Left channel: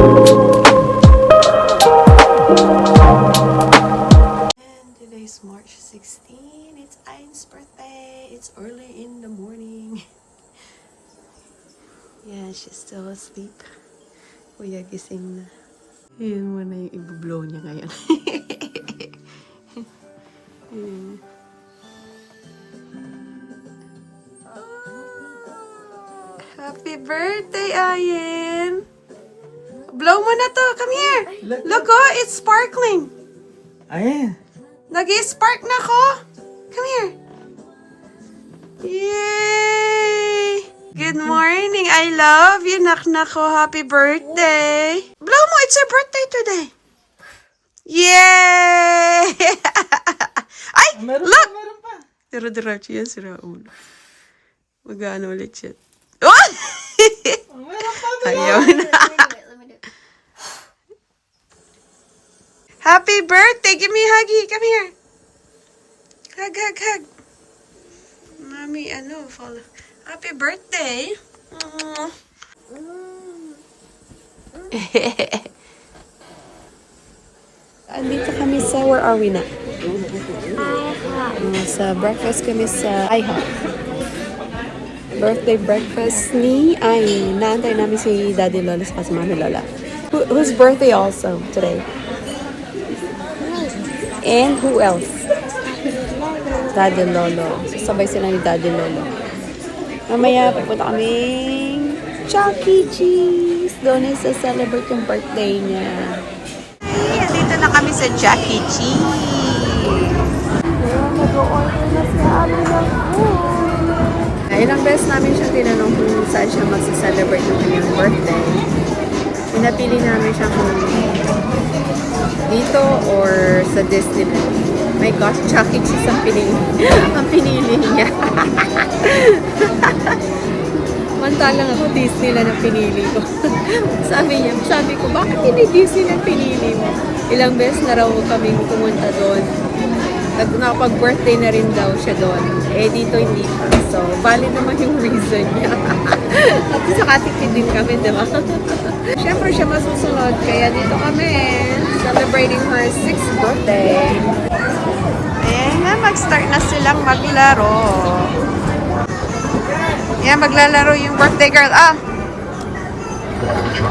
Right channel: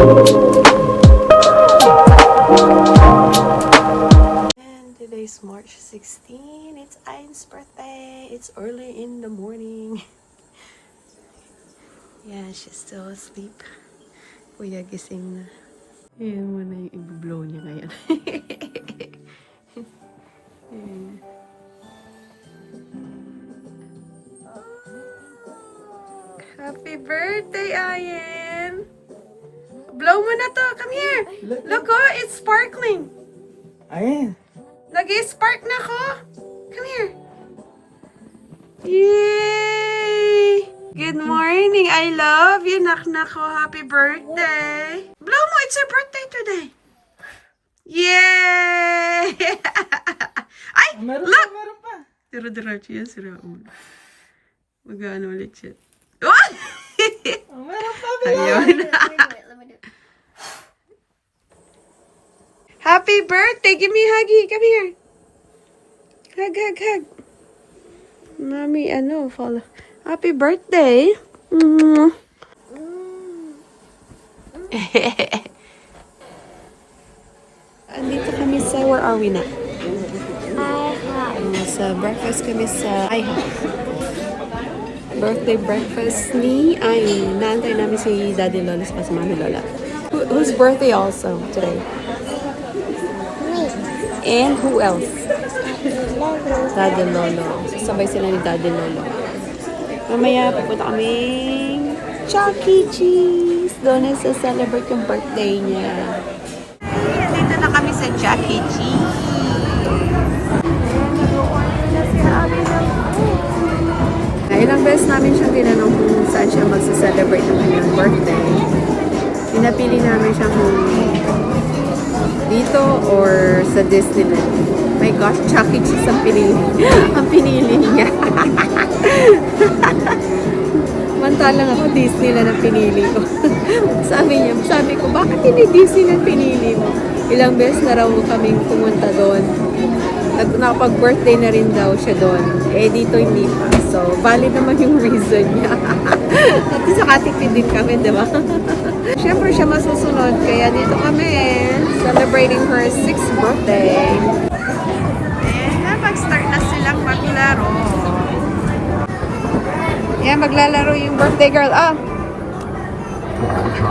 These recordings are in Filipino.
And today's March 16. It's Ain's birthday. It's early in the morning. Yeah, she's still asleep. Kuya gising na. Yun muna yung i-blow niya ngayon. Yun. Happy birthday, Ayen! Blow mo na to. Come here. Look, oh, it's sparkling. Ayan. Nag-spark na ko. Come here. Yay! Good morning. I love you, nak-nak ko. Happy birthday. Blow mo. It's your birthday today. Yay! Ay, look! Meron pa. Dira-diretso yan, sira ulo. Mag-ano ulit siya. Oh! Meron pa. Ayaw na. Happy birthday! Give me a huggy. Come here. Hug, hug, hug. Mami, follow. Happy birthday. Andito kami sa, where are we na? Sa breakfast kami sa IHOP. Birthday breakfast ni Ay. Naantay namin si Daddy Lola sa si Mami Lola. Whose birthday also today? And who else? Daddy Lolo. Sasabay sila ni Daddy Lolo. Mamaya pupunta kaming Chuck E. Cheese. Doon ay sa-celebrate yung birthday niya. Hey, dito na kami sa Chuck E. Cheese. Ayan, nag-order na si Abby ng food. Ilang beses namin siyang tinanong kung saan siya magsa-celebrate ng kanyang birthday. Pinapili namin siya kung dito or sa Disneyland. My gosh, Chuck E. Cheese ang pinili. Ang pinili niya. Mantalang ako, Disneyland ang pinili ko. sabi ko, bakit hindi Disneyland pinili mo? Ilang beses na raw kaming pumunta doon. Nakapag-birthday na rin daw siya doon. Eh, dito hindi pa. So, valid naman yung reason niya. At saka tipid din kami, di ba? Siyempre siya masusunod. Kaya dito kami celebrating her 6th birthday. Ayan na, mag-start na silang maglaro. Ayan, maglalaro yung birthday girl. Ah!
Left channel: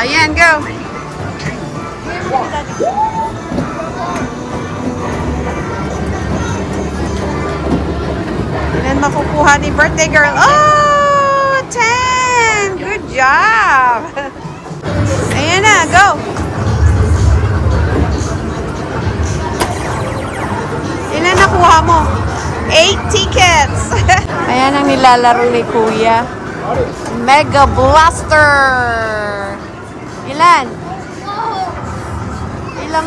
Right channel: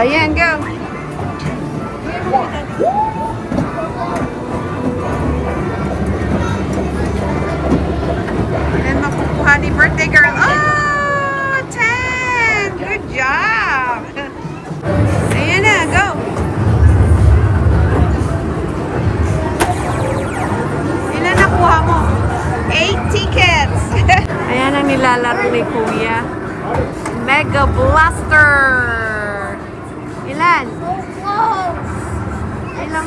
Ayan, go! Ilan makukuha ni birthday girl? Oh! 10! Good job! Ayan na, go! Ilan nakuha mo? 8 tickets! Ayan ang nilalaro ni Kuya. Mega Blaster! Ilan? Ilang?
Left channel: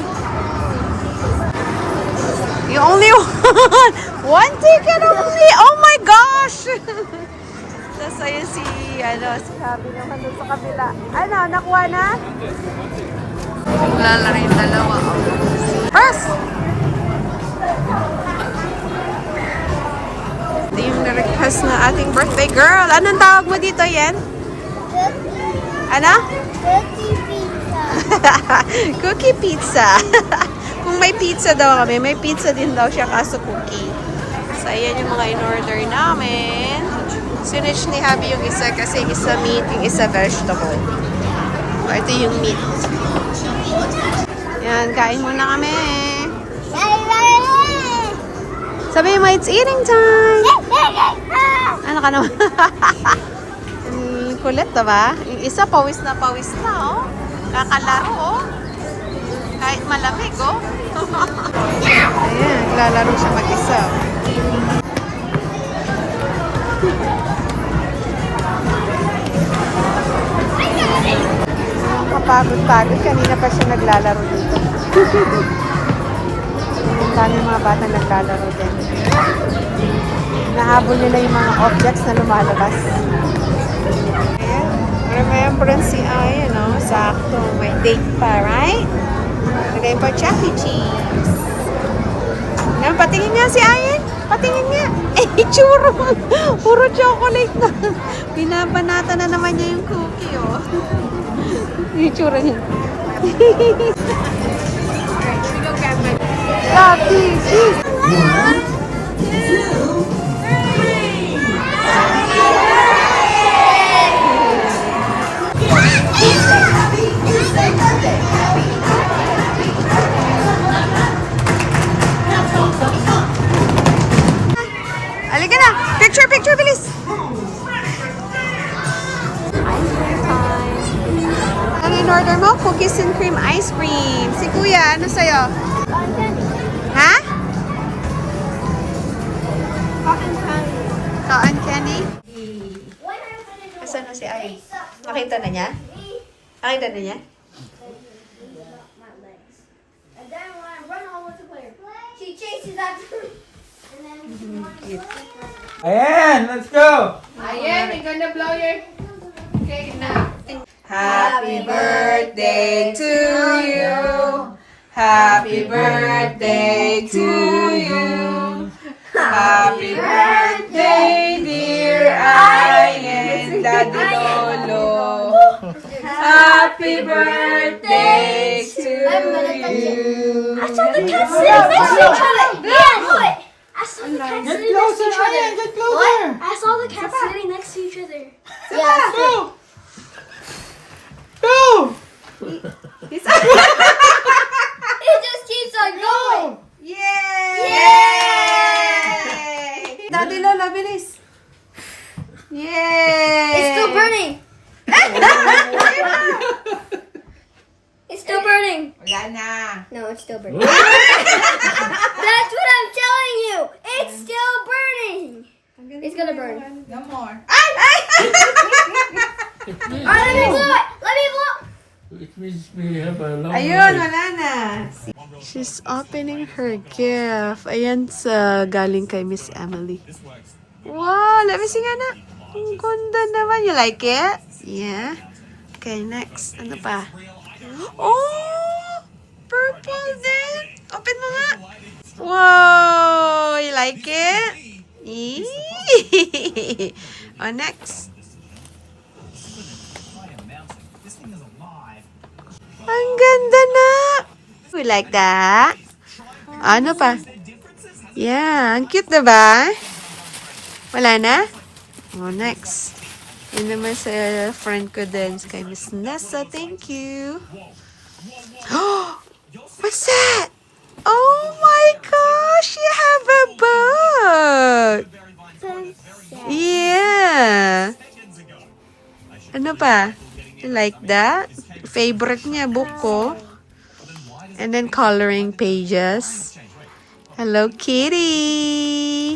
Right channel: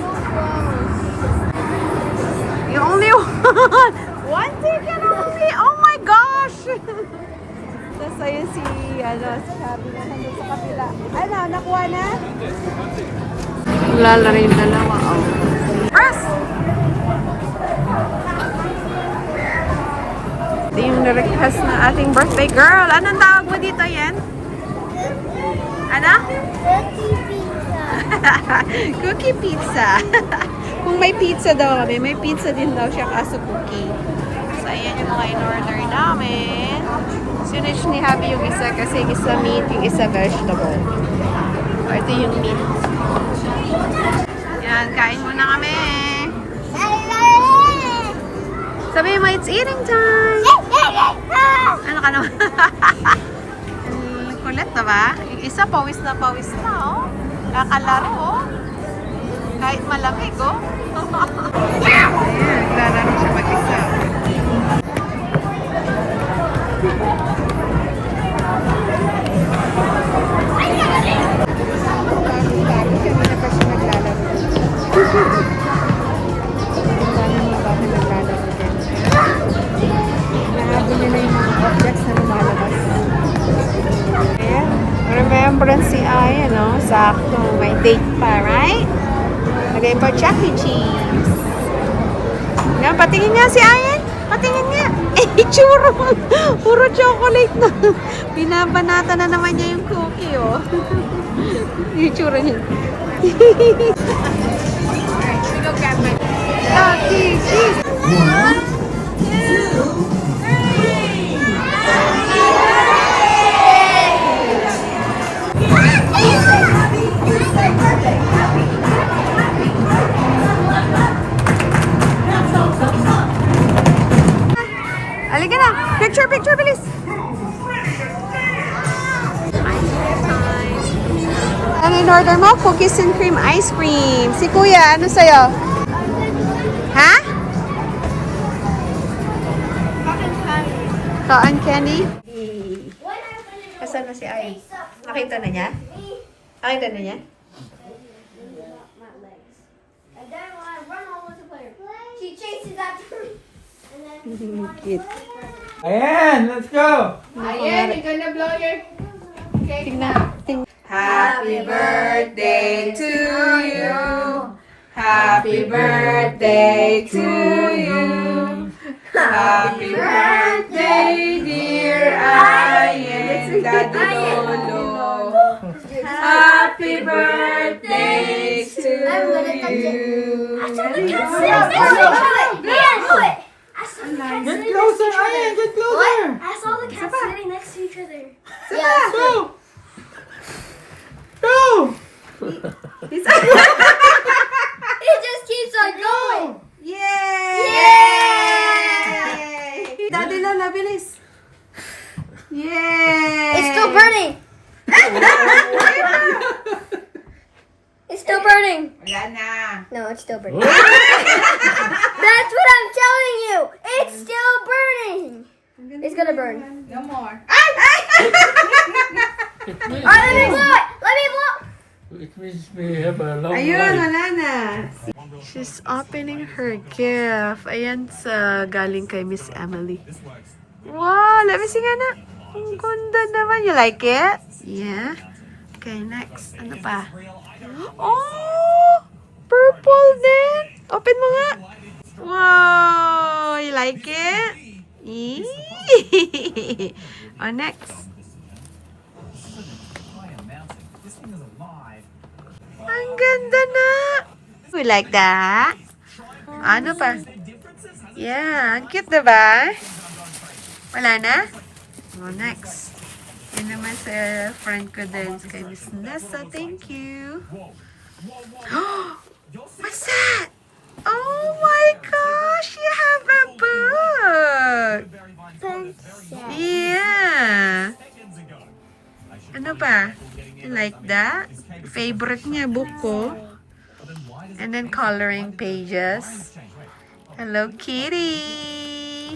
You only one! One ticket only! Oh my gosh! Tapos ayun si Habi naman doon sa kabila. Ano, nakuha na? Lalaro yung dalawa. Oh. First! Ito yung na-request na ating birthday girl. Anong tawag mo dito, Yen? Ano? Cookie pizza. Cookie pizza. Kung may pizza daw kami, may pizza din daw siya kaso cookie. So, ayan yung mga in-order namin. Sinitch ni Habi yung isa kasi yung isa meat, yung isa vegetable. O, ito yung meat. Yan, kain muna kami. Sabi mo, it's eating time! Ano ka naman? Kulit na ba? Yung isa, pawis na, oh. Kakalaro, oh. Kahit malamig, oh. Ayan, naglalaro siya mag-isa. Kapagod-pagod. Kanina pa siya naglalaro dito. Dami mga bata naglalaro din. Nahabol nila yung mga objects na lumalabas. Ayan. Remembrance si Ay, sakto. May date pa, right? Lagay pa Chuck E. Cheese. Ayan, patingin nga si Ayan. Patingin nga. Eh, churro. Puro chocolate na. Binabanata na naman niya yung cookie, oh. Yung itsura niya. Lucky kiss! Halika na! Picture, picture, bilis! Ano in-order mo? Cookies and cream ice cream. Si Kuya, ano sa'yo? Ha? Cotton candy? Asan na si Ay? Nakita na niya? Nakita na niya? And then when I run home with the player, she chases after me. And then Cute. Ayan, let's go! Ayan, you're gonna blow your cake now. Happy birthday to you. Happy birthday to you. Happy birthday, dear Ayen Daddy Lolo. Happy birthday to you. I saw the cat sitting next to each other. Yeah, do it. I saw the cat Get sitting next to closer, each other. Ayan, get closer! I saw the cat sitting next to each other. Yeah. Go! Go! It just keeps on going. Yay! Yay! Daddy Lola, bilis. Yay! It's still burning. It's still burning. Wala na. No, it's still burning. That's what I'm telling you. It's still burning. It's gonna burn. No more. Alright, let me blow it. Let me blow. It means we have a long Ayun, life. wala na. She's opening her gift. Ayan sa galing kay Miss Emily. Wow, let me see nga na. Ang ganda naman. You like it? Yeah. Okay, next. Ano pa? Oh! Purple din. Open mo nga. Wow! You like it? Eee! Oh, next. Ang ganda na! We like that. Ano pa? Yeah, ang cute diba? Wala na? Oh, next. Yun naman sa friend ko din, kay Miss Nessa. Thank you. Oh! What's that? Oh my gosh! You have a book! Yeah! Ano pa? You like that? Favorite niya, book ko. And then coloring pages. Hello, Kitty!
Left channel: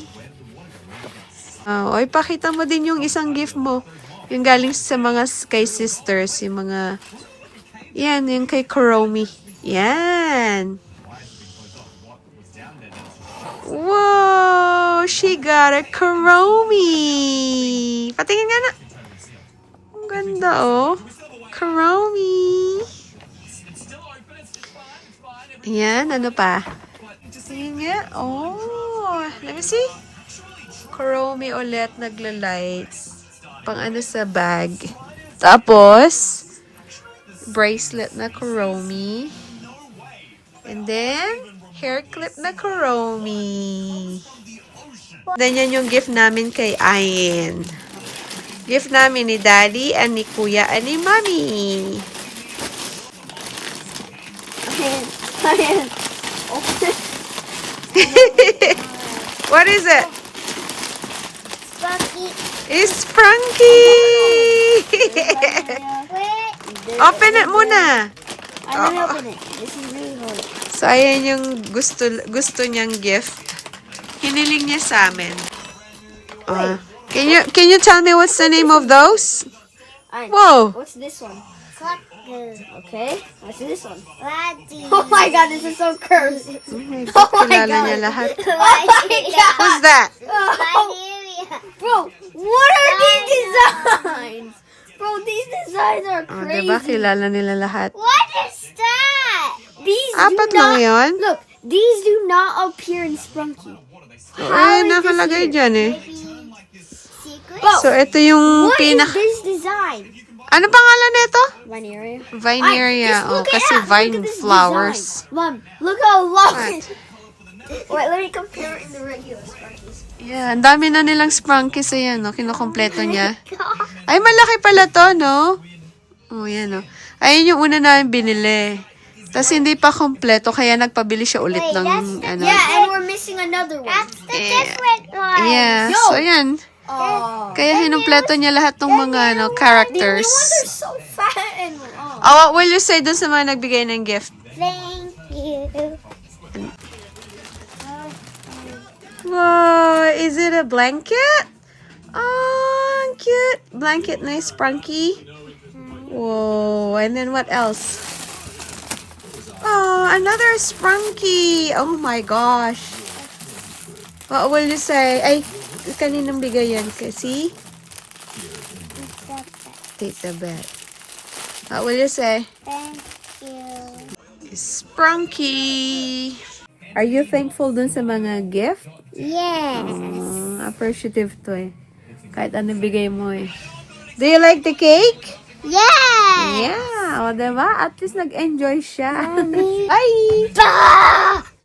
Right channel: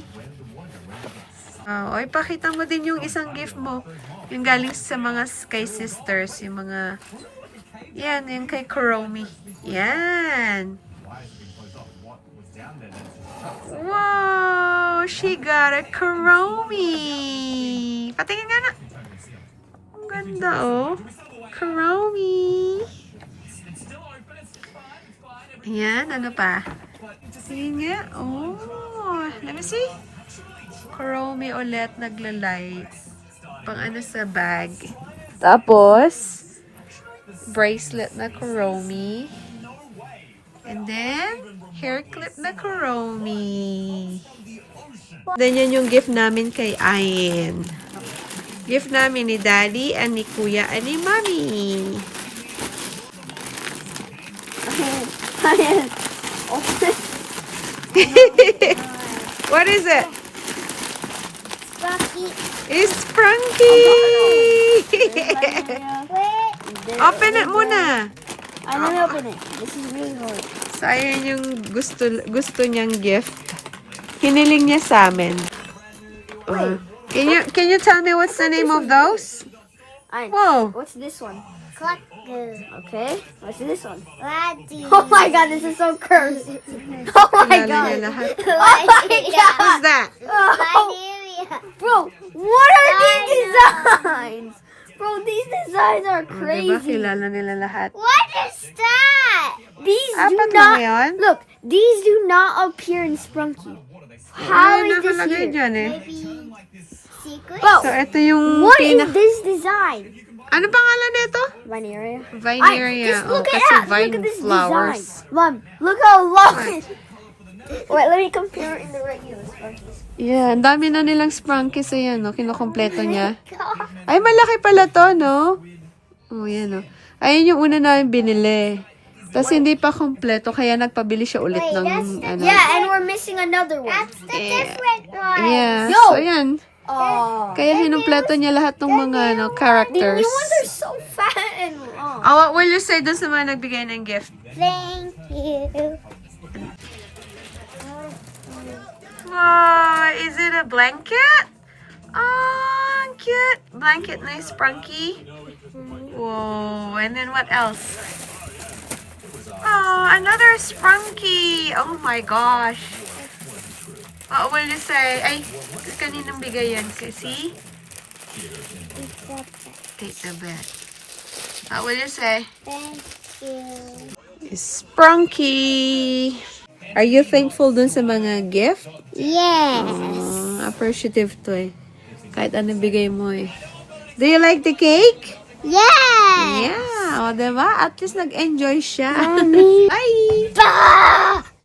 Oh, oy, pakita mo din yung isang gift mo. Yung galing sa mga kay sisters. Yung mga... Yan, yung kay Kuromi. Yan! Wow! She got a Kuromi! Patingin nga na! Ang ganda, oh. Kuromi! Ayan, ano pa? Tingin nga. Oh, let me see. Kuromi ulit, nagla-lights. Pang ano sa bag. Tapos, bracelet na Kuromi. And then, hair clip na Kuromi. Then, yan yung gift namin kay Ayen. Gift namin ni Daddy, and ni Kuya, and ni Mommy. Ayan. What is it? Rocky. It's Frankie! Wait. Open it muna! I'm gonna open it. This is really hard. So, ayan yung gusto niyang gift. Hiniling niya sa amin. Can you tell me what's the name of those? Whoa! What's this one? Cracker. Okay. What's this one? Laddie. Oh my god, this is so cursed. Oh my Kilala god. niya lahat. Oh my god. Who's that? Oh, Liberia. bro, what are these designs? Bro, these designs are Oh, diba? crazy. Kilala nila lahat. What is that? These do Apat lang not yun? look. These do not appear in Sprunky. Ay, How is this nakalagay here? dyan eh. Maybe secret? Bro, So, ito yung what is pinaka... this design? Ano pangalan nito? Vineria. Vineria. Just look kasi at vine look at this flowers. design. Mom, look how long. Wait, let me compare it in the regular Sparkies. Yeah, ang dami na nilang sprunkies. Ayan, no? Kinukompleto niya. Ay, malaki pala to, no? Oh, yan, no? Ayun yung una namin binili. Tapos hindi pa kompleto, kaya nagpabili siya ulit ng, ano. Yeah, and we're missing another one. That's the different one. Yeah, Yo! so ayan. Oh. Kaya hinumpleto niya lahat ng mga, The new ano, ones characters. are so fat and long. Oh, what will you say dun sa mga nagbigay ng gift? Thank you. Wow, is it a blanket? Oh, cute. Blanket, nice sprunky. Whoa, and then what else? Oh, another sprunky. Oh my gosh. What will you say? Ay, kaninang bigay yan? See? Take the bed. What will you say? Thank you. Sprunky. Are you thankful dun sa mga gift? Yes. Appreciative to eh. Kahit ano bigay mo eh. Do you like the cake? Yes. Yeah. O, diba? At least nag-enjoy siya. Bye! Bah!